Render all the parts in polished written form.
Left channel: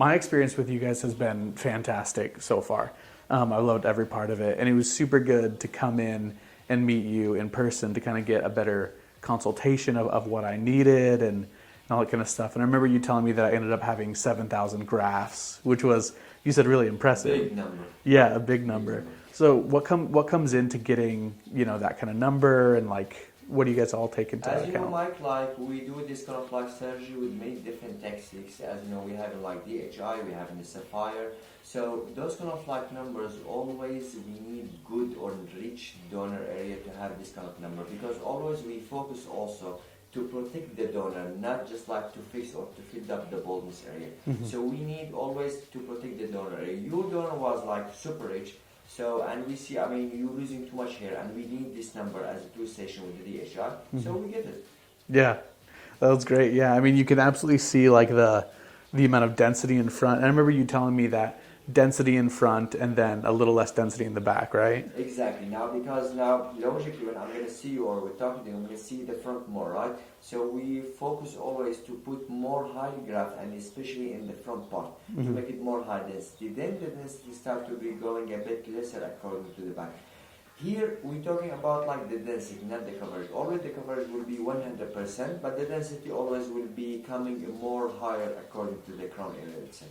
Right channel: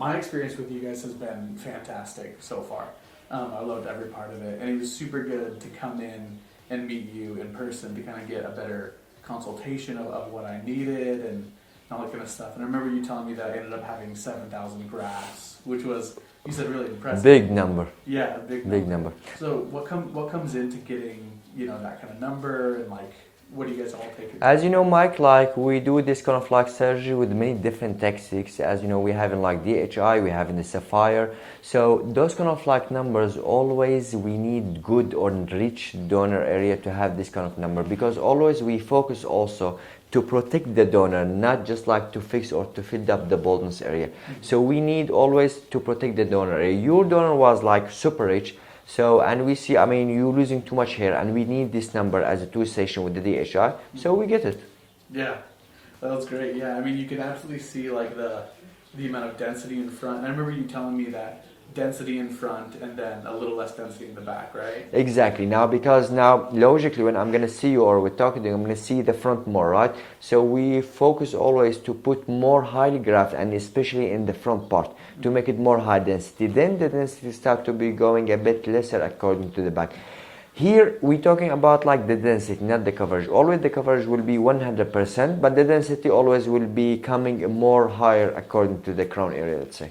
my experience with you guys has been fantastic so far. I loved every part of it, and it was super good to come in and meet you in person to kind of get a better consultation of what I needed and all that kind of stuff. And I remember you telling me that I ended up having 7,000 grafts, which was, you said, really impressive. Big number. Yeah, a big number. Big number. So what comes into getting, you know, that kind of number, and like, what do you guys all take into As you know, account? Mike, like we do this kind of like surgery with many different techniques. As you know, we have in like DHI, we have in the Sapphire. So those kind of like numbers, always we need good or rich donor area to have this kind of number, because always we focus also to protect the donor, not just like to fix or to fill up the baldness area. So we need always to protect the donor area. Your donor was like super rich. So, and we see, I mean, you're losing too much hair, and we need this number as a 2 station with the DHI, so we get it. Yeah, that was great. Yeah, I mean, you can absolutely see like the amount of density in front. And I remember you telling me that density in front and then a little less density in the back, right? Exactly. Now, because now, logically, when I'm going to see you or we're talking to you, I'm going to see the front more, right? So we focus always to put more highly graft, and especially in the front part, to make it more high density. Then the density start to be going a bit lesser according to the back. Here we're talking about like the density, not the coverage. Always the coverage will be 100%, but the density always will be coming more higher according to the crown area, let's say.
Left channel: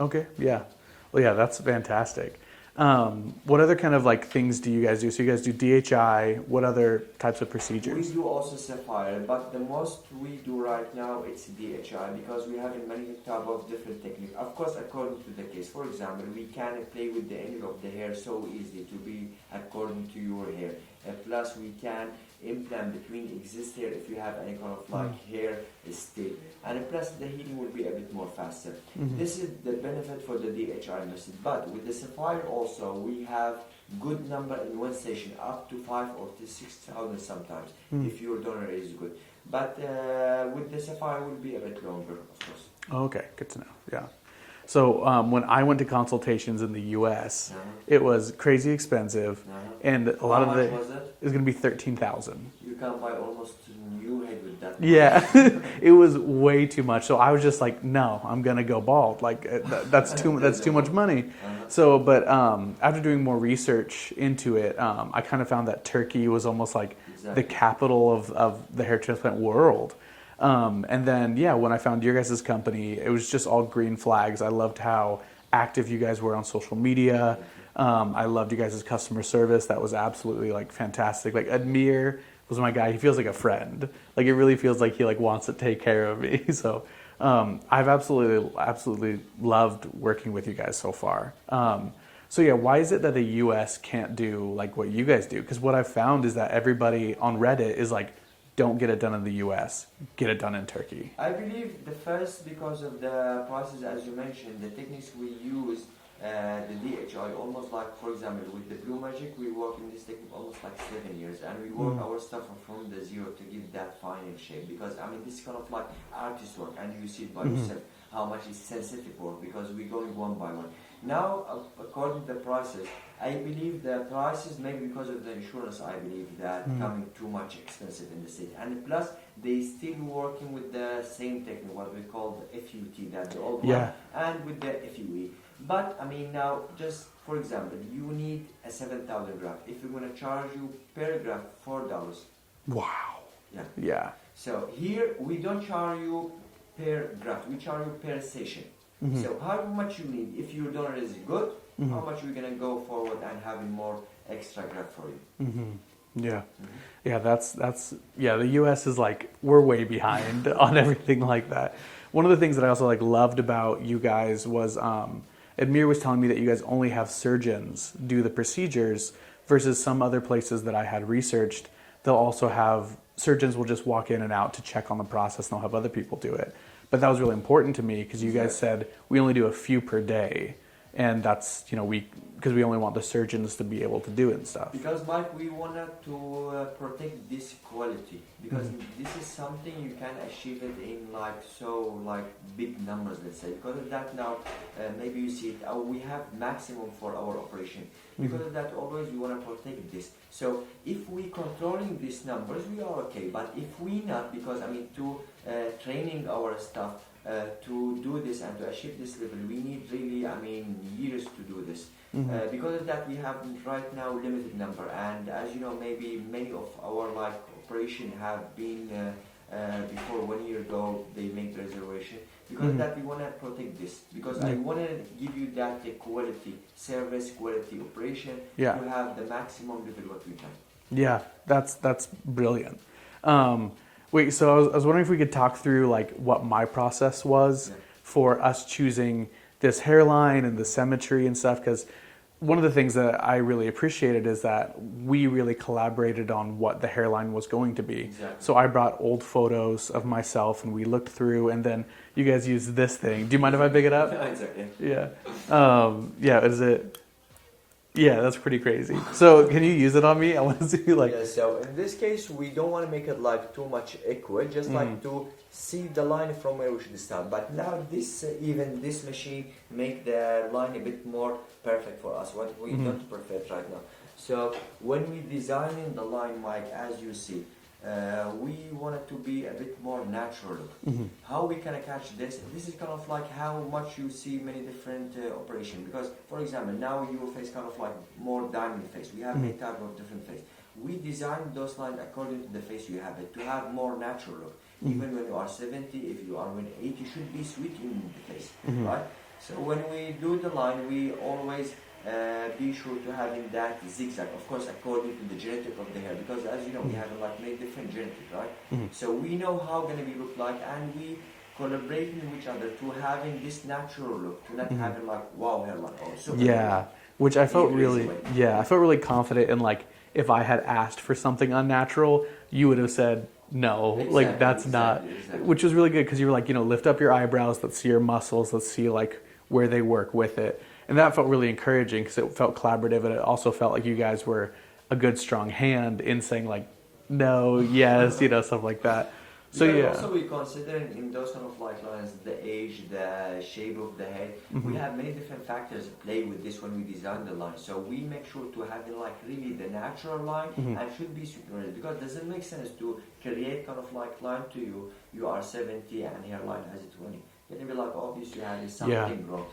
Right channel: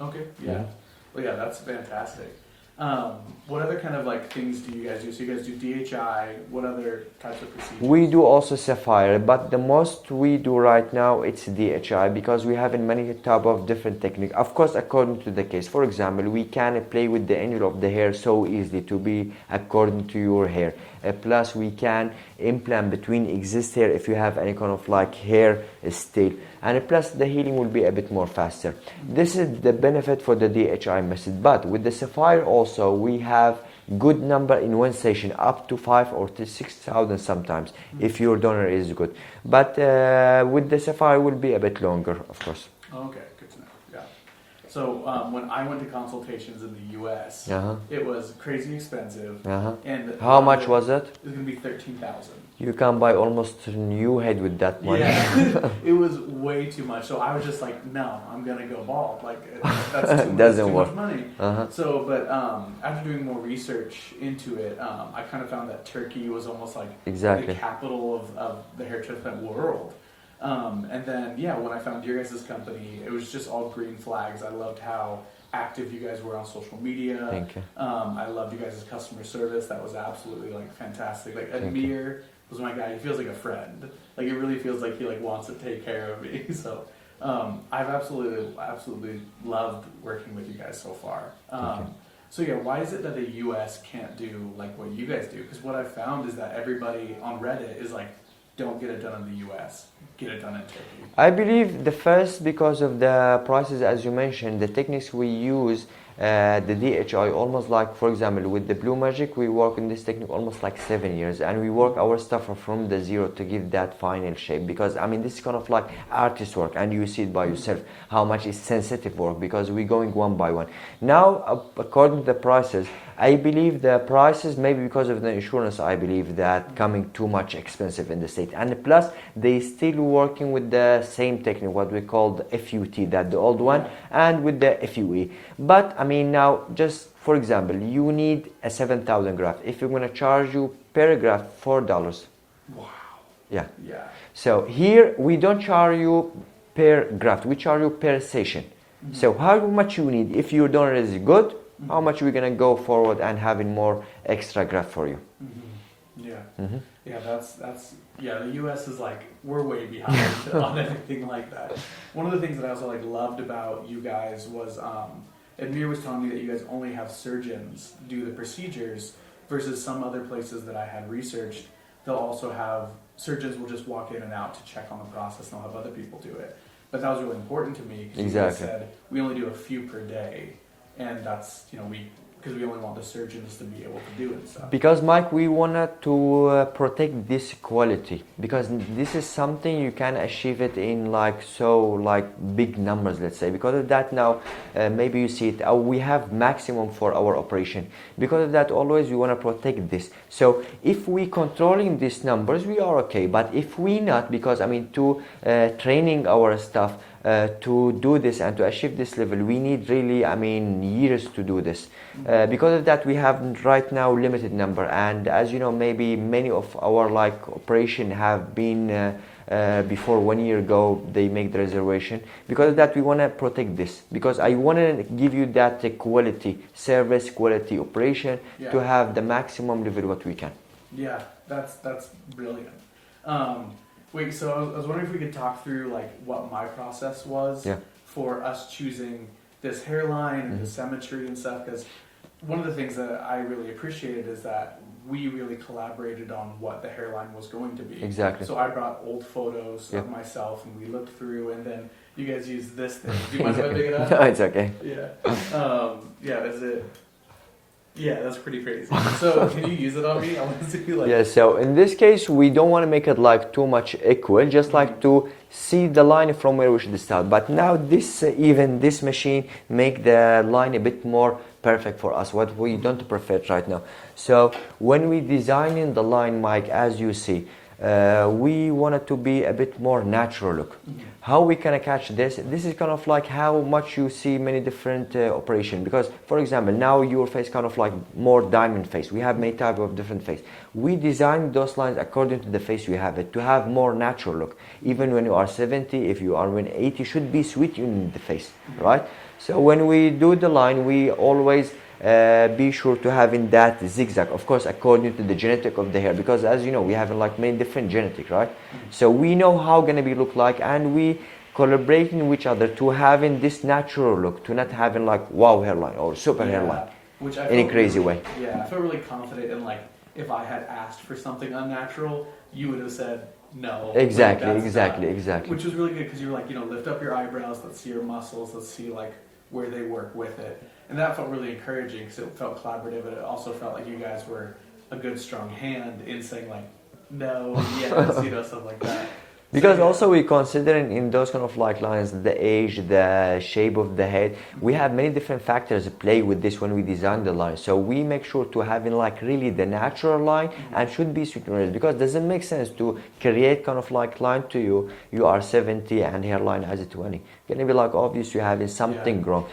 Okay, yeah. Well, yeah, that's fantastic. What other kind of like things do you guys do? So you guys do DHI. What other types of procedures? We do also Sapphire, but the most we do right now it's DHI, because we have in many type of different technique. Of course, according to the case. For example, we can play with the angle of the hair so easily to be according to your hair. Plus, we can implant between exist hair if you have any kind of like hair still. And plus the healing will be a bit more faster. This is the benefit for the DHI method. But with the Sapphire also, we have good number in one session, up to 5 or to 6,000 sometimes, if your donor is good. But with the Sapphire will be a bit longer, of course. Okay, good to know. Yeah. So when I went to consultations in the U.S., it was crazy expensive. And how much was it? It was going to be $13,000. You can buy almost a new head with that money. Yeah, it was way too much. So I was just like, no, I'm going to go bald. Like that's too much money. So, but after doing more research into it, I kind of found that Turkey was almost like the capital of the hair transplant world. And then, yeah, when I found your guys' company, it was just all green flags. I loved how active you guys were on social media. Thank you. I loved you guys' customer service. That was absolutely like fantastic. Like Admir was my guy. He feels like a friend. Like it really feels like he like wants to take care of me. So I've absolutely loved working with you guys so far. So yeah, why is it that the U.S. can't do like what you guys do? Because what I've found is that everybody on Reddit is like, don't get it done in the U.S., get it done in Turkey. I believe the first, because of the prices, as you mentioned, the techniques we use, the DHI, almost like, for example, with the BlueMagic, we work in this technique almost like 7 years, and we work our stuff from the zero to give that final shape. Because I mean, this is kind of like artist work, and you see it by yourself how much is sensitive work, because we're going one by one. Now, according to the prices, I believe the prices, maybe because of the insurance, I believe that coming too much expensive in the state. And plus, they still working with the same technique, what we call the FUT, that the old one, and with the FUE. But I mean, now, just for example, you need a 7,000 graft. If you're going to charge you per graft $4. Wow. Yeah. Yeah. So here, we don't charge you per graft, we charge you per session. So how much you need? If your donor is good, how much we're gonna go forward and having more extra graft for you. Yeah. Yeah, that's the US is like, we're way behind on everything like that. One of the things that I also like loved about you guys was Admir was telling me that you guys only have surgeons do the procedures, versus some other places that I had researched, they'll also have surgeons will just walk in and out to check on the process, and they'll have other people do it. But that was really important to me, because you guys said we only do a few per day. And that's, you know, because we only want the surgeons to be able to do it and stuff. Because, Mike, we wanted to protect this quality, because this is something you can achieve it in like big numbers, let's say. Because of that, now maybe you see it, we have maximum for our operation. Because of that, always we want to protect this. So if we controlling these numbers, we are okay. But if we not, because I mean, to training our staff, to do this and to achieve this level, we need really, I mean, years to do this. Because of that, we have right now limited number, and as you know, maybe many of our like operation have been before 1 year ago they make the reservation. Because of that, we want to protect this, because I want to give you that quality service, quality operation, to have the maximum level what we can. Yeah, that's brilliant. Wait, so I was wondering if we could talk through like what my process was for us choosing this hairline and the symmetry and stuff, because one of the things that I really appreciated is that we really collaborated on what the hairline was going to be. Exactly. So I brought old photos of myself and we looked through, and then you guys used this thing. Do you mind if I pick it up? No, it's okay. Yeah. Is it? Yeah, that's pretty crazy. So can you use it on me? I want to see like. Yeah, so in this case, we don't want to make it like too much equal, just like to see the line from where we should start. But now this, even this machine make the line a bit more perfect for us, what we don't perfect right now. So when we designing the line, Mike, as you see, we want it to be a bit more natural look. How we can catch this? This is kind of like how much you see many different operation. Because, for example, now your face kind of like more diamond face. We have many type of different face. We design those lines according to the face you have it to have more natural look. Even when you are 70, if you are 80, should be sweet in the face, right? So when we do the line, we always be sure to having that zigzag, of course, according to the genetic of the hair, because as you know, we have like many different genetic, right? So we know how gonna be look like, and we collaborating with each other to having this natural look, to not having like wow hairline or super hairline, which I felt in a crazy really, way. Yeah, I felt really confident in like if I had asked for something unnatural, you would have said no. Exactly, like, that's exactly. Which was really good because you were like, lift up your eyebrows, let's see your muscles, let's see like where they work with it. And that felt really encouraging because it felt collaborative, and it also felt like you guys were a good, strong hand in saying like, no, yes, stuff like that. Because also we considering in those kind of like lines, the age, the shape of the head, we have many different factors play with this when we design the line. So we make sure to having like really the natural line and should be suitable, because it doesn't make sense to create kind of like line to you are 70 and hairline as a 20. Gonna be like obvious you having something wrong.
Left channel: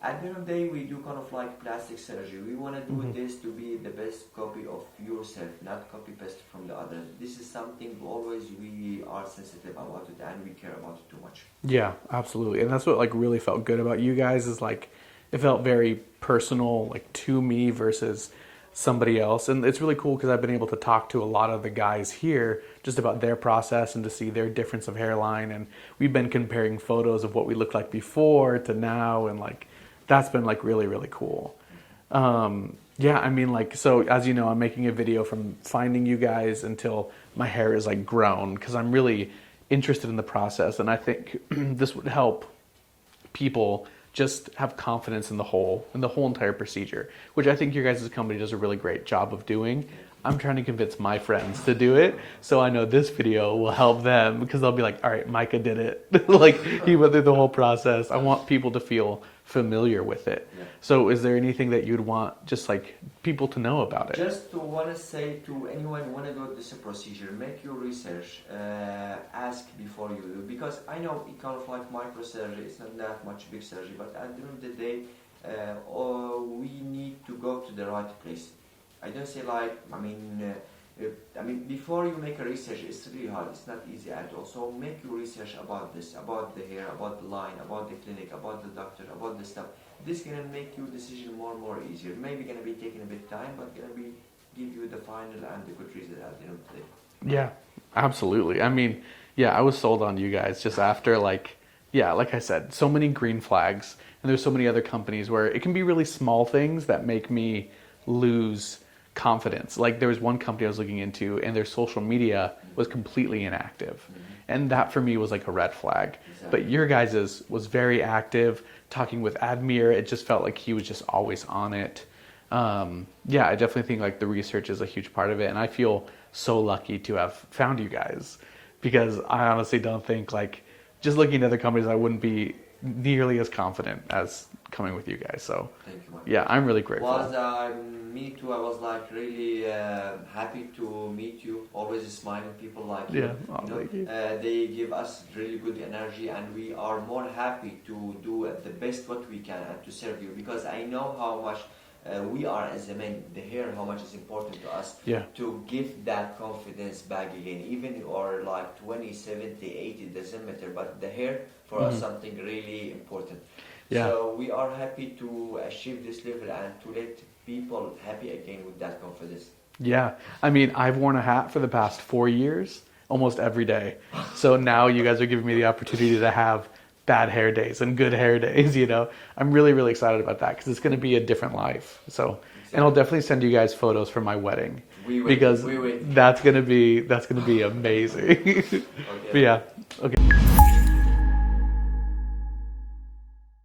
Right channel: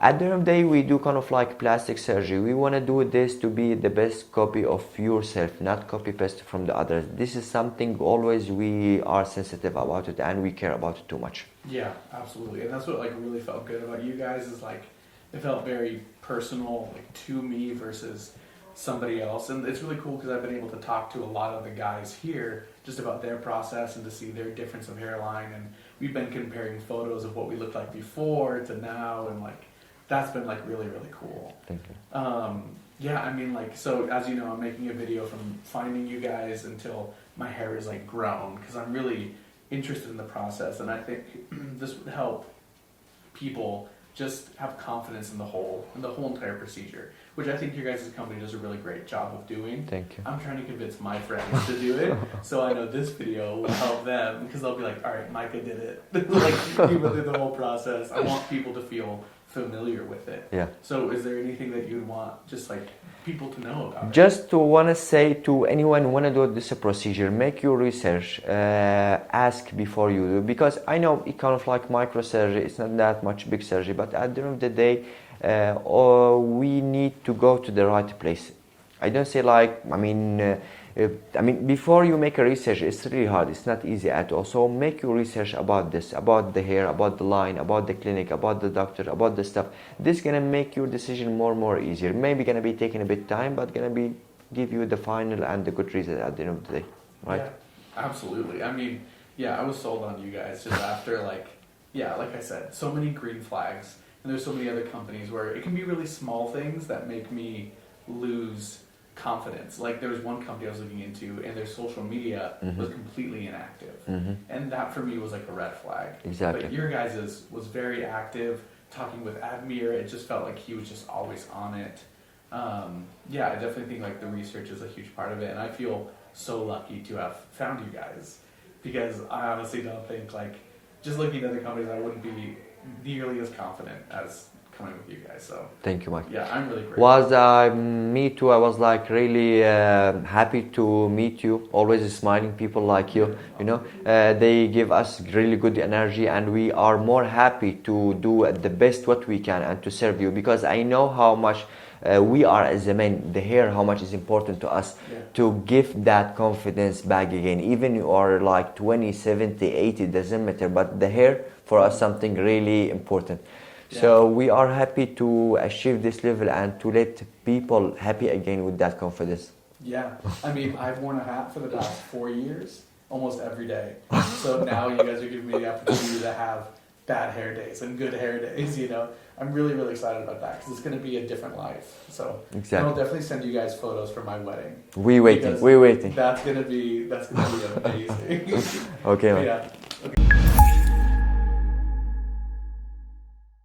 At the end of the day, we do kind of like plastic surgery. We want to do this to be the best copy of yourself, not copy paste from the others. This is something always we are sensitive about it, and we care about it too much. Yeah, absolutely. And that's what like really felt good about you guys, is like it felt very personal, like to me versus somebody else. And it's really cool because I've been able to talk to a lot of the guys here just about their process and to see their difference of hairline. And we've been comparing photos of what we looked like before to now, and like that's been like really, really cool. Thank you. Yeah, I mean, like, so as you know, I'm making a video from finding you guys until my hair is like grown, because I'm really interested in the process, and I think this would help people just have confidence in the whole entire procedure, which I think your guys' company does a really great job of doing. Thank you. I'm trying to convince my friends to do it, so I know this video will help them, because they'll be like, all right, Micah did it. Like, he went through the whole process. I want people to feel familiar with it. Yeah. So is there anything that you'd want just like people to know about it? Just to want to say to anyone who want to do this procedure, make your research, ask before you do, because I know it kind of like microsurgery, it's not that much big surgery, but at the end of the day, we need to go to the right place. I don't say like, I mean, before you make a research, it's really hard. It's not easy at all. So make your research about this, about the hair, about the line, about the clinic, about the doctor, about the stuff. This is gonna make your decision more and more easier. Maybe gonna be taking a bit time, but gonna be give you the final and the good result at the end of the day. Right? Yeah, absolutely. I mean, yeah, I was sold on you guys just after like I said, so many green flags, and there's so many other companies where it can be really small things that make me lose confidence. Like there was one company I was looking into, and their social media was completely inactive, and that for me was like a red flag. Exactly. But your guys's was very active. Talking with Admir, it just felt like he was just always on it. Yeah, I definitely think like the research is a huge part of it, and I feel so lucky to have found you guys, because I honestly don't think, like, just looking at other companies, I wouldn't be nearly as confident as coming with you guys. So Thank you, Mike. yeah, I'm really grateful. Me too. I was like really happy to meet you. Always smiling people like you. Yeah. You know, Thank you. they give us really good energy, and we are more happy to do the best what we can and to serve you, because I know how much we are as a man. The hair, how much is important to us. Yeah. To give that confidence back again. Even you are like 20, 70, 80, doesn't matter. But the hair for us something really important. Yeah. So we are happy to achieve this level and to let people happy again with that confidence. Yeah, I mean, I've worn a hat for the past 4 years, almost every day. So now you guys are giving me the opportunity to have bad hair days and good hair days, you know. I'm really, really excited about that because it's going to be a different life. So, and I'll definitely send you guys photos from my wedding. We waiting. That's going to be amazing. Okay. But yeah. Okay.